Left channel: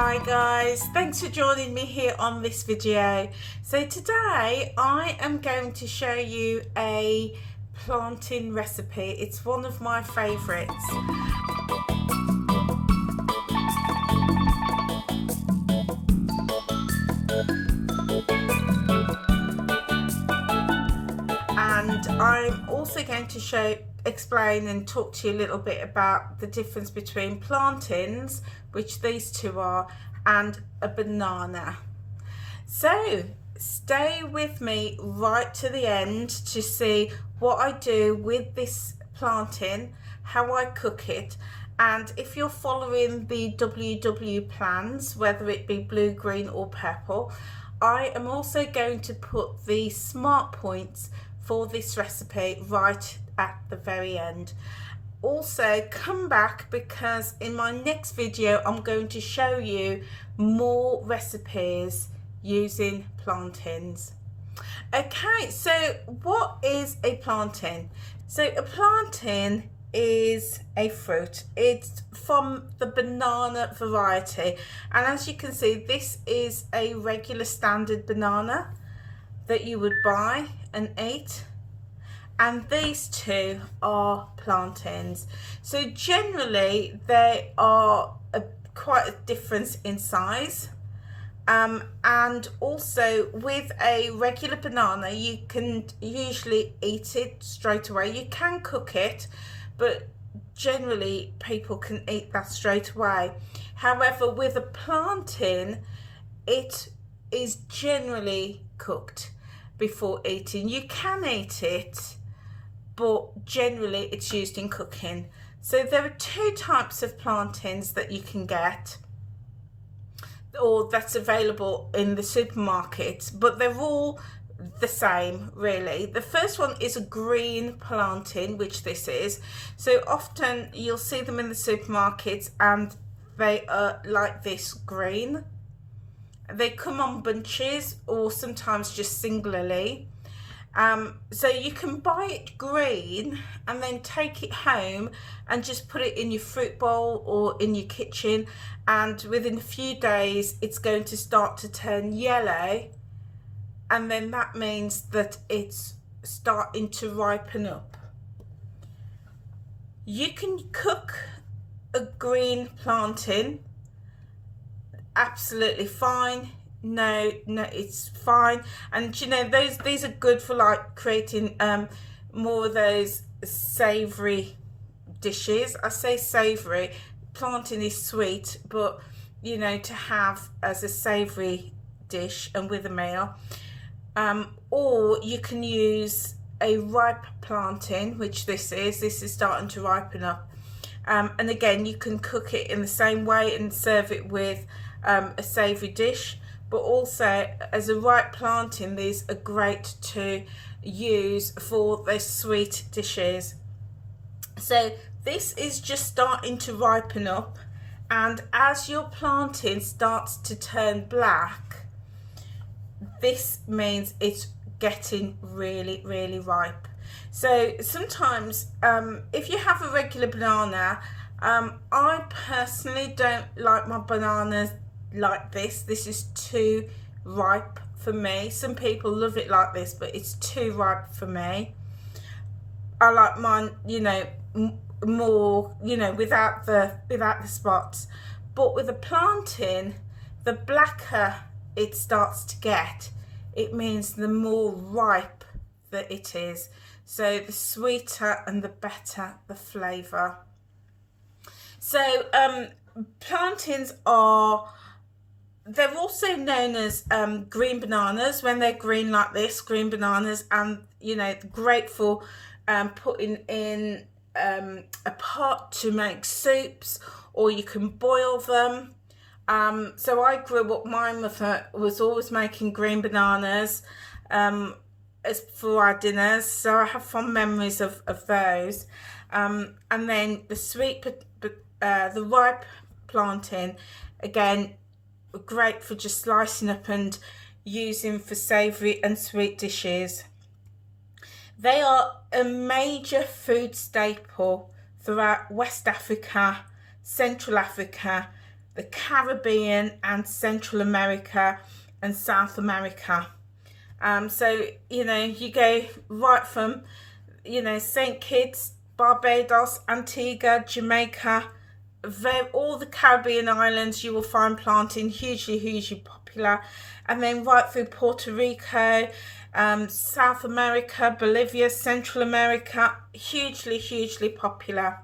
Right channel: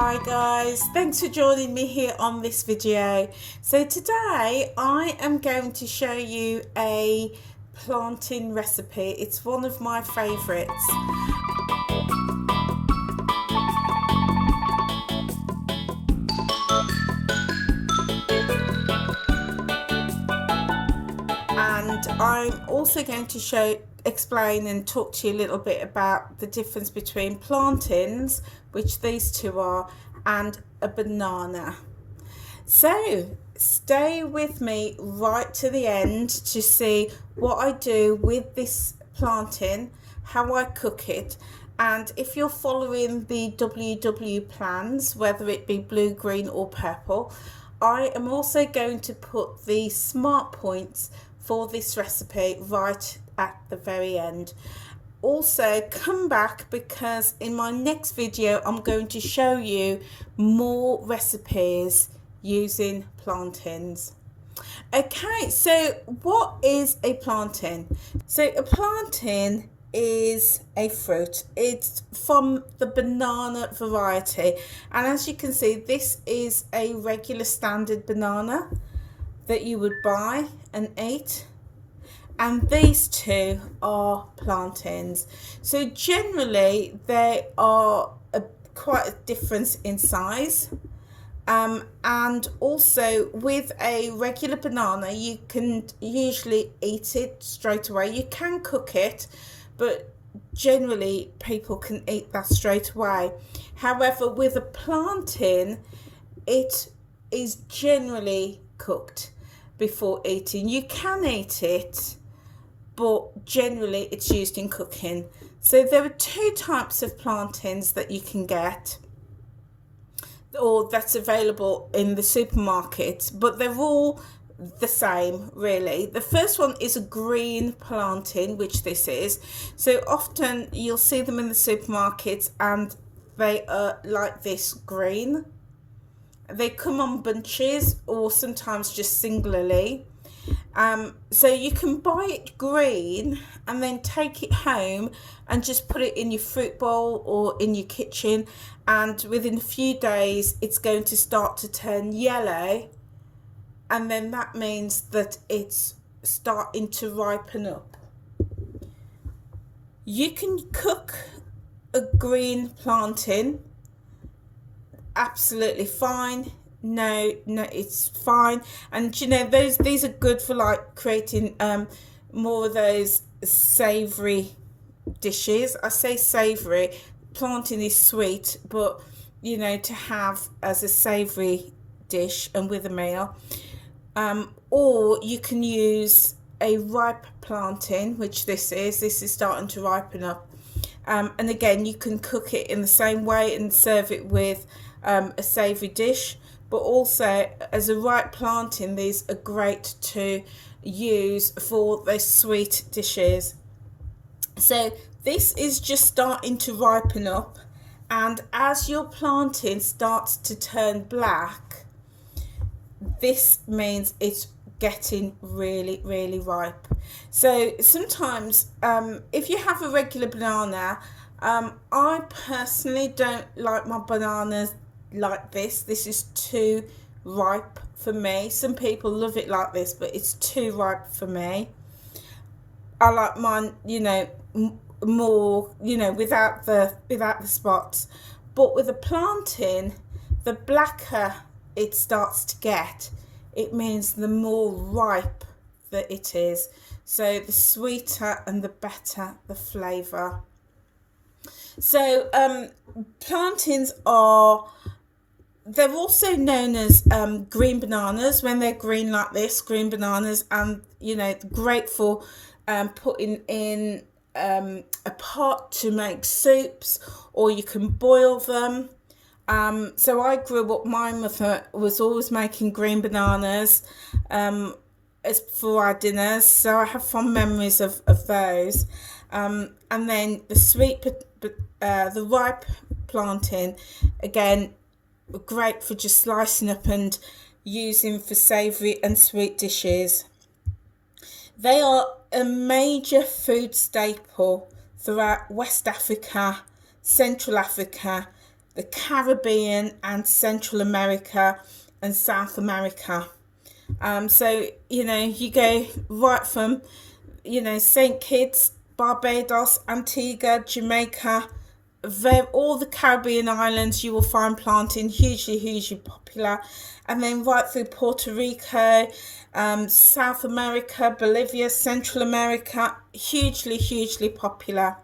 Hi guys, thanks for joining me here on this video. So today I am going to show you a plantain recipe. It's one of my favourites. And I'm also going to explain and talk to you a little bit about the difference between plantains, which these two are, and a banana. So stay with me right to the end to see what I do with this plantain, how I cook it, and if you're following the WW plans, whether it be blue, green or purple, I am also going to put the smart points for this recipe right at the very end. Also come back, because in my next video I'm going to show you more recipes using plantains. Okay, so what is a plantain? So a plantain is a fruit. It's from the banana variety, and as you can see, this is a regular standard banana that you would buy and eat, and these two are plantains. So generally they are quite a difference in size. And also with a regular banana, you can usually eat it straight away. You can cook it, but generally people can eat that straight away. However, with a plantain, it is generally cooked before eating. You can eat it, but generally it's used in cooking. So there are two types of plantains that you can get, or that's available in the supermarket, but they're all the same really. The first one is a green plantain, which this is. So often you'll see them in the supermarkets and they are like this, green. They come on bunches or sometimes just singularly. So you can buy it green and then take it home and just put it in your fruit bowl or in your kitchen, and within a few days it's going to start to turn yellow, and then that means that it's starting to ripen up. You can cook a green plantain absolutely fine. No, it's fine. And you know, these are good for like creating more of those savory dishes. I say savory, plantain is sweet, but you know, to have as a savory dish and with a meal. Or you can use a ripe plantain, which this is starting to ripen up. And again, you can cook it in the same way and serve it with a savoury dish, but also as a ripe plantain, these are great to use for those sweet dishes. So this is just starting to ripen up, and as your plantain starts to turn black, this means it's getting really ripe. So sometimes if you have a regular banana, I personally don't like my bananas like this. This is too ripe for me. Some people love it like this, but it's too ripe for me. I like mine, you know, more, you know, without the spots. But with a plantain, the blacker it starts to get, it means the more ripe that it is. So the sweeter and the better the flavour. So plantains they're also known as green bananas when they're green like this, green bananas, and you know, great for putting in a pot to make soups, or you can boil them. So I grew up, my mother was always making green bananas as for our dinners, so I have fond memories of those. And then the ripe plantain, again, great for just slicing up and using for savoury and sweet dishes. They are a major food staple throughout West Africa, Central Africa, the Caribbean and Central America and South America. So, you know, you go right from, you know, St. Kitts, Barbados, Antigua, Jamaica, all the Caribbean islands, you will find plantain hugely popular. And then right through Puerto Rico, South America, Bolivia, Central America, hugely popular.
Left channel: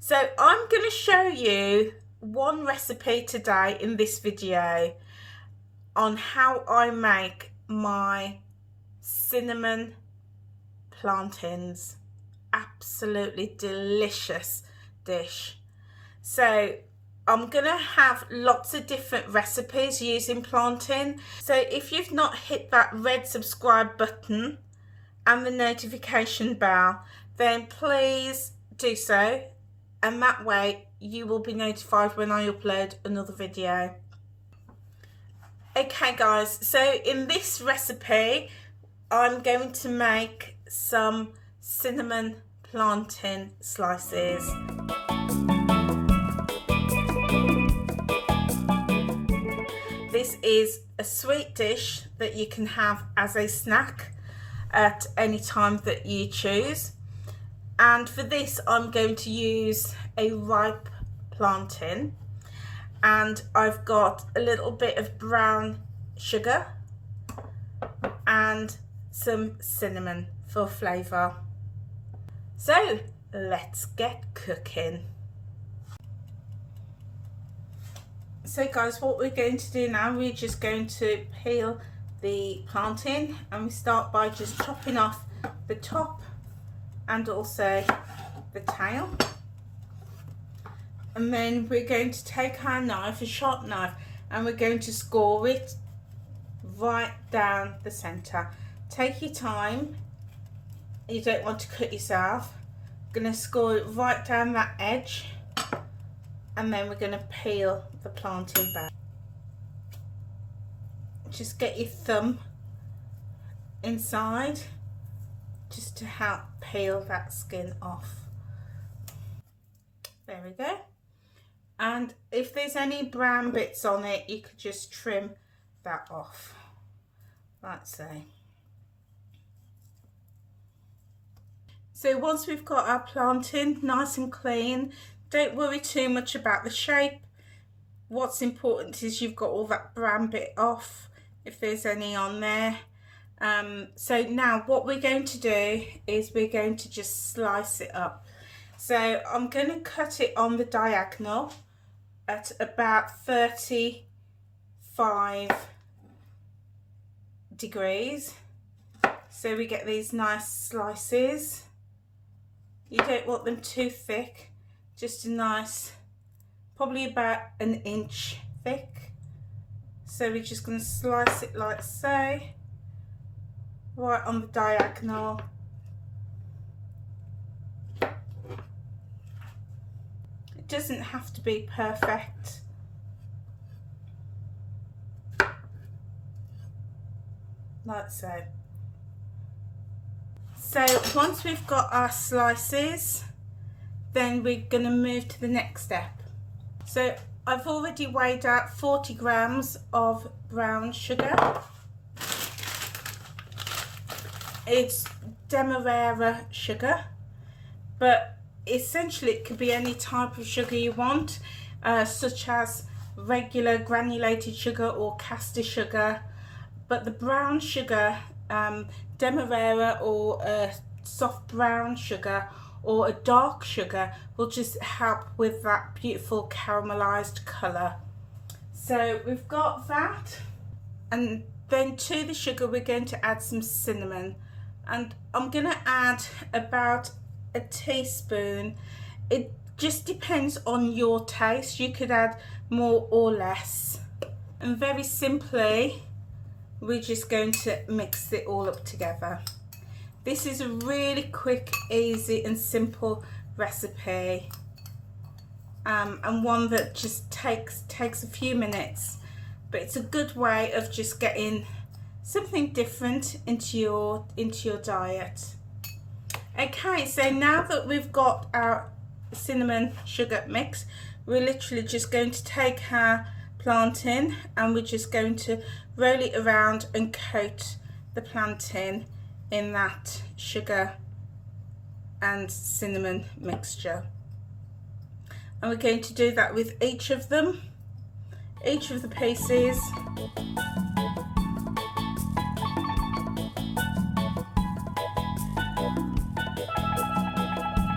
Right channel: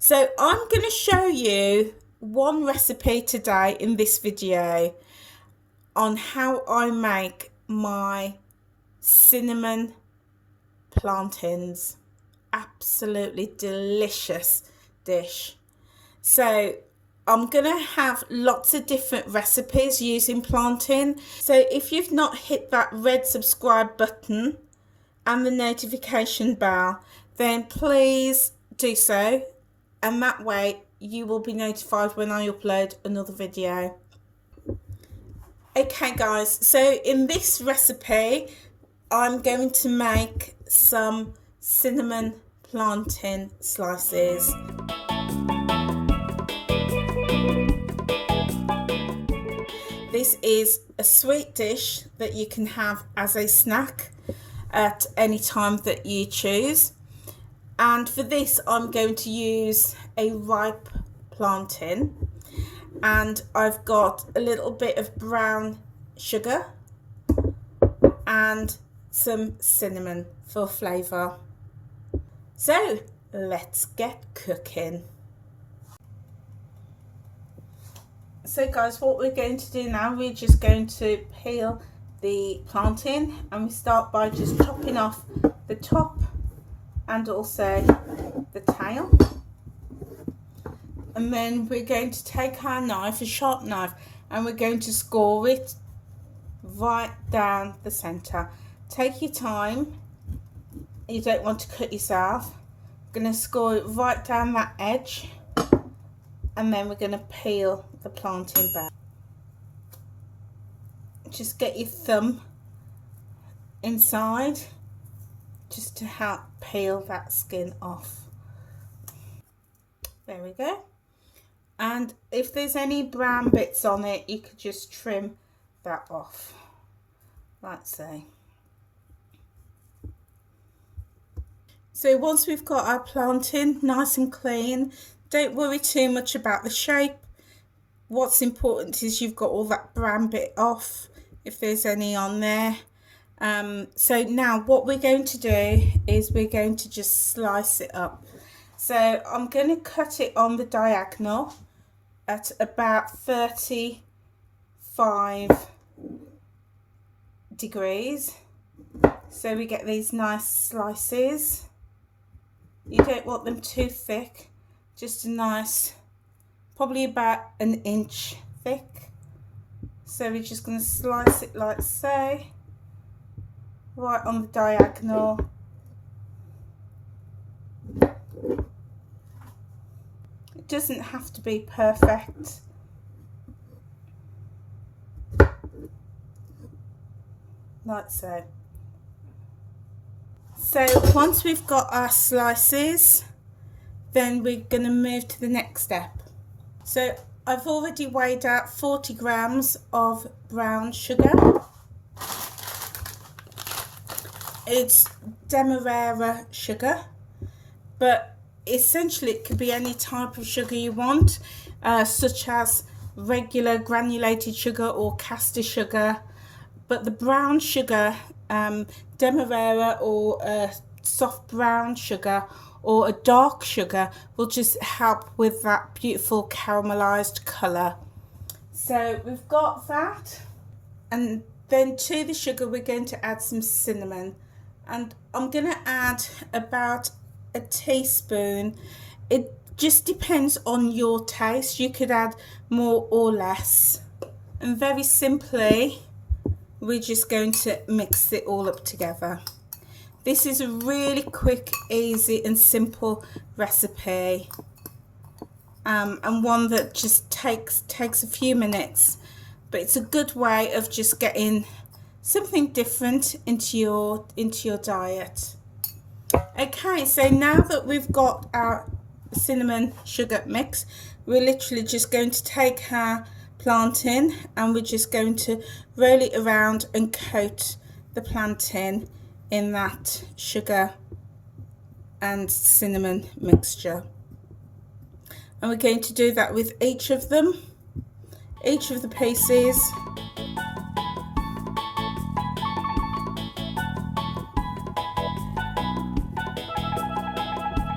So I'm going to show you one recipe today in this video on how I make my cinnamon plantains. Absolutely delicious dish. So I'm gonna have lots of different recipes using plantain. So if you've not hit that red subscribe button and the notification bell, then please do so, and that way you will be notified when I upload another video. Okay guys, so in this recipe I'm going to make some cinnamon plantain slices. This is a sweet dish that you can have as a snack at any time that you choose. And for this I'm going to use a ripe plantain, and I've got a little bit of brown sugar and some cinnamon for flavour. So let's get cooking. So guys, what we're going to do now, we're just going to peel the plantain, and we start by just chopping off the top and also the tail. And then we're going to take our knife, a sharp knife, and we're going to score it right down the centre. Take your time, you don't want to cut yourself. I'm going to score it right down that edge, and then we're going to peel the plantain back. Just get your thumb inside just to help peel that skin off. There we go. And if there's any brown bits on it, you could just trim that off, like so. So once we've got our plantain nice and clean, don't worry too much about the shape. What's important is you've got all that brown bit off, if there's any on there. So now what we're going to do is we're going to just slice it up. So I'm going to cut it on the diagonal at about 35 degrees. So we get these nice slices. You don't want them too thick, just a nice, probably about an inch thick. So we're just going to slice it like so, right on the diagonal. It doesn't have to be perfect. Like so. So once we've got our slices, then we're going to move to the next step. So I've already weighed out 40 grams of brown sugar. It's demerara sugar, but essentially it could be any type of sugar you want, such as regular granulated sugar or caster sugar. But the brown sugar, demerara, or a soft brown sugar or a dark sugar, will just help with that beautiful caramelized color. So we've got that, and then to the sugar we're going to add some cinnamon, and I'm going to add about a teaspoon. It just depends on your taste, you could add more or less. And very simply we're just going to mix it all up together. This is a really quick, easy and simple recipe, and one that just takes a few minutes, but it's a good way of just getting something different into your diet. Okay, so now that we've got our cinnamon sugar mix, we're literally just going to take our plantain and we're just going to roll it around and coat the plantain in that sugar and cinnamon mixture. And we're going to do that with each of them, each of the pieces.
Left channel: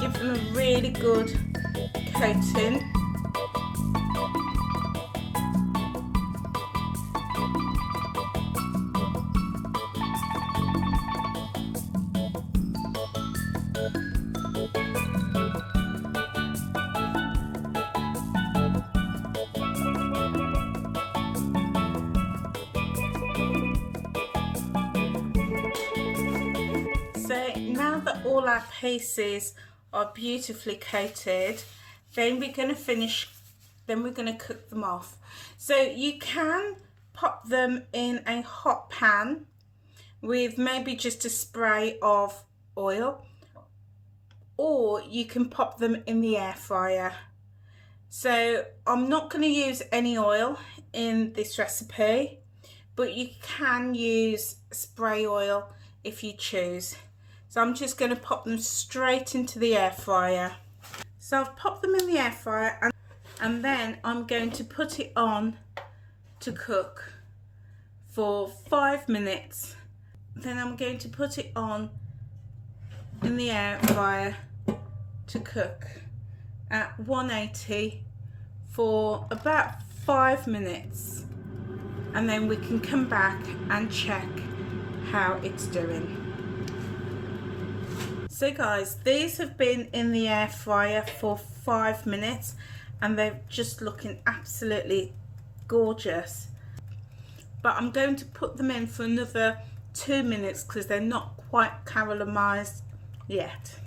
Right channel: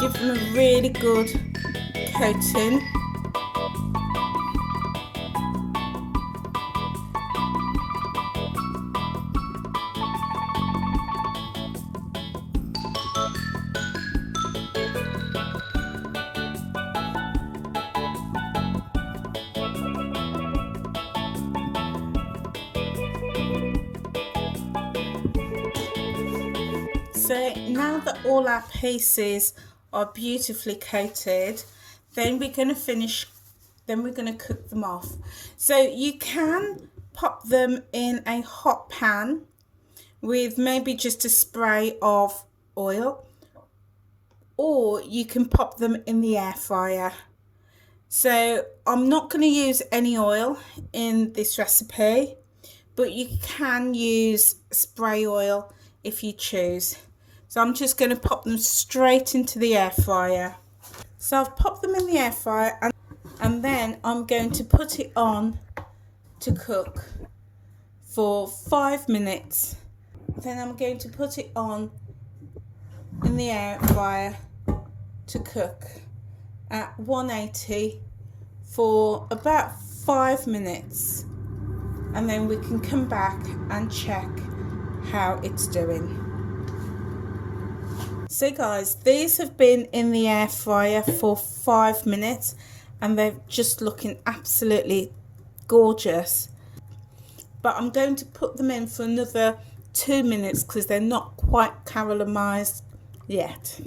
Give them a really good coating. So now that all our pieces are beautifully coated, then we're going to cook them off. So you can pop them in a hot pan with maybe just a spray of oil, or you can pop them in the air fryer. So I'm not going to use any oil in this recipe, but you can use spray oil if you choose. So I'm just going to pop them straight into the air fryer. So I've popped them in the air fryer, and then I'm going to put it on to cook for 5 minutes. Then I'm going to put it on in the air fryer to cook at 180 for about 5 minutes, and then we can come back and check how it's doing. So guys, these have been in the air fryer for 5 minutes and they're just looking absolutely gorgeous. But I'm going to put them in for another 2 minutes because they're not quite caramelized yet.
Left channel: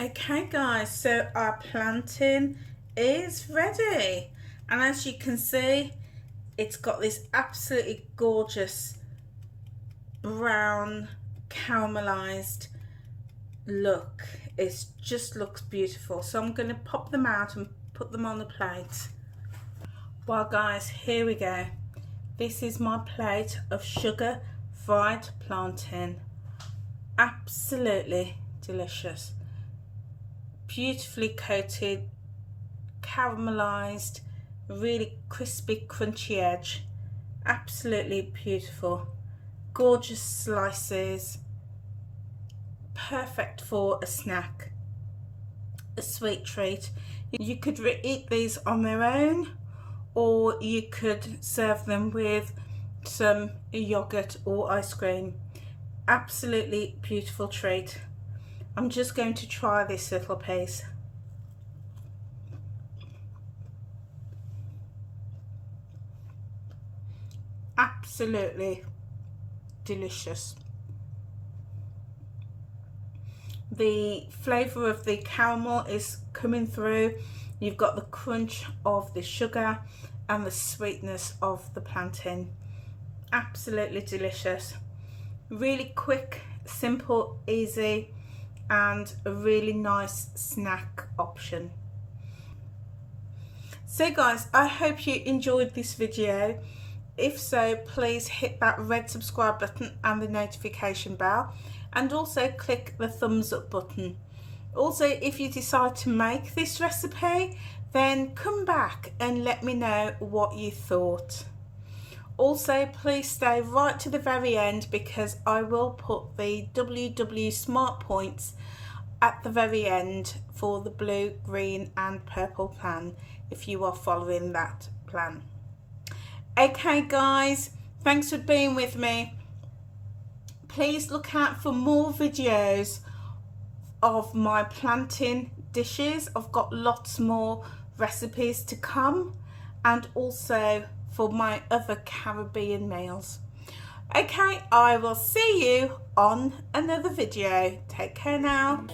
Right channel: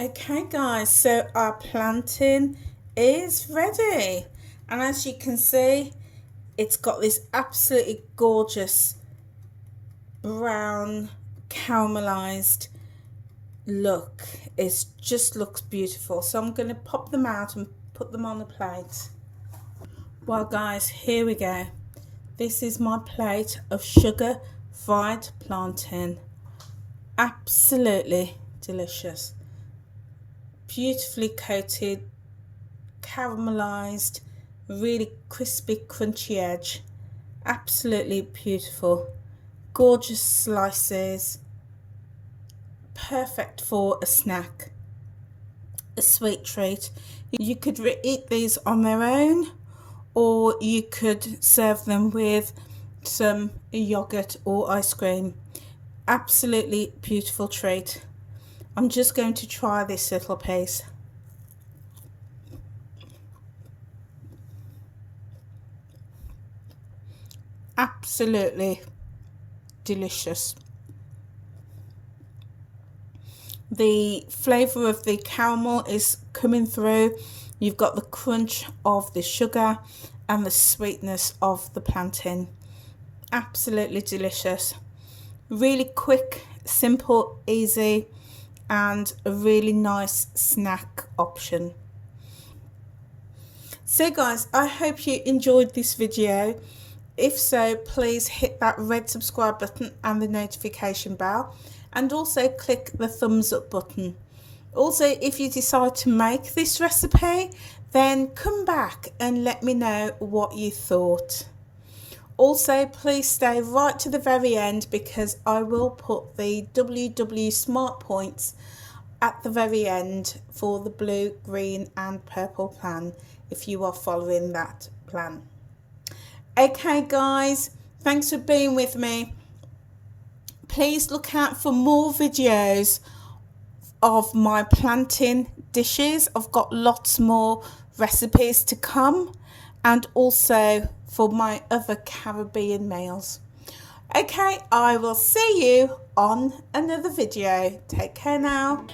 Okay guys, so our plantain is ready, and as you can see, it's got this absolutely gorgeous brown caramelized look. It just looks beautiful. So I'm going to pop them out and put them on the plate. Well guys, here we go. This is my plate of sugar fried plantain. Absolutely delicious. Beautifully coated, caramelized, really crispy, crunchy edge. Absolutely beautiful. Gorgeous slices. Perfect for a snack, a sweet treat. You could eat these on their own, or you could serve them with some yogurt or ice cream. Absolutely beautiful treat. I'm just going to try this little piece. Absolutely delicious. The flavour of the caramel is coming through. You've got the crunch of the sugar and the sweetness of the plantain. Absolutely delicious. Really quick, simple, easy, and a really nice snack option. So guys, I hope you enjoyed this video. If so, please hit that red subscribe button and the notification bell, and also click the thumbs up button. Also, if you decide to make this recipe, then come back and let me know what you thought. Also, please stay right to the very end because I will put the WW Smart Points at the very end for the blue, green and purple plan if you are following that plan. Okay guys, thanks for being with me. Please look out for more videos of my plantain dishes. I've got lots more recipes to come, and also for my other Caribbean meals. Okay, I will see you on another video. Take care now.